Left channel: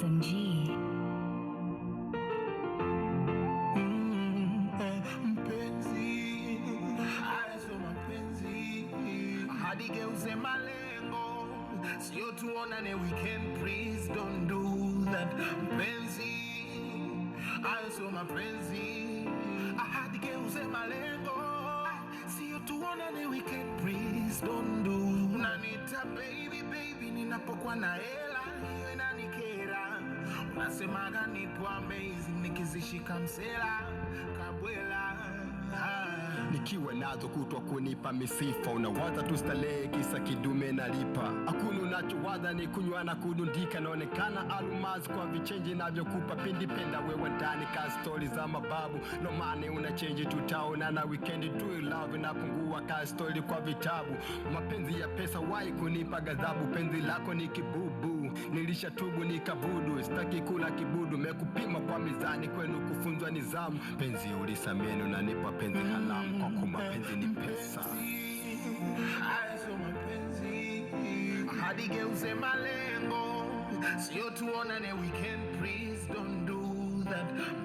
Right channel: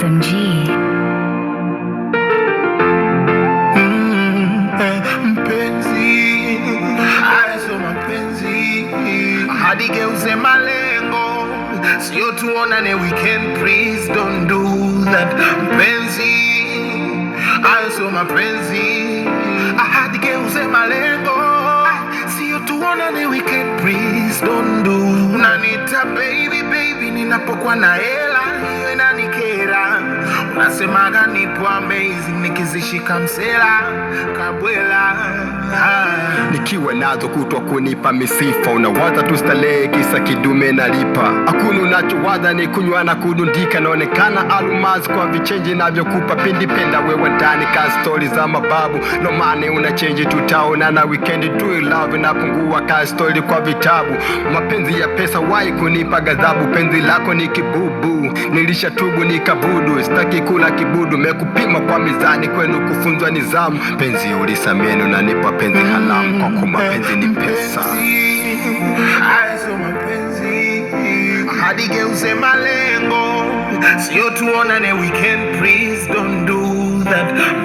SMG. Mpenzi, aizo mapenzi, hadi geuze malengo, sio tuonane weekend, please don't do that. Mpenzi, aizo mapenzi, hadi geuze malengo, sio tuonane weekend, please don't do. Unaniita baby baby ninapokuwa na hela, hiyo inanikera. Unasemaga nipo amazing nikizishika msela kabwela. Nikiwa nazo kutwa kunipa misifa, unawaza tu starehe kisa kidume nalipa. Hakuna unachowaza ni kunywa na kudundika, naonekana almasi kwa vichenji navyokupa. Pindi penda wewe ndani ka stori za mababu, no money una change, tutaona na weekend. Do you love napungua ka stori kwa vitabu. Mapenzi ya pesa wai kunipa ghadhabu, penzi lako ni kibubu, nilishatubu nikabudu. Sitaki kula kibudu, mekupima kwa mizani, kwenu kufunzwa nizamu. Penzi ulisameni unanipa penzi halamu, kwa kuwa mapenzi ni pesa. Aizo mapenzi, hadi geuze malengo, sio tuonane weekend, please don't do that.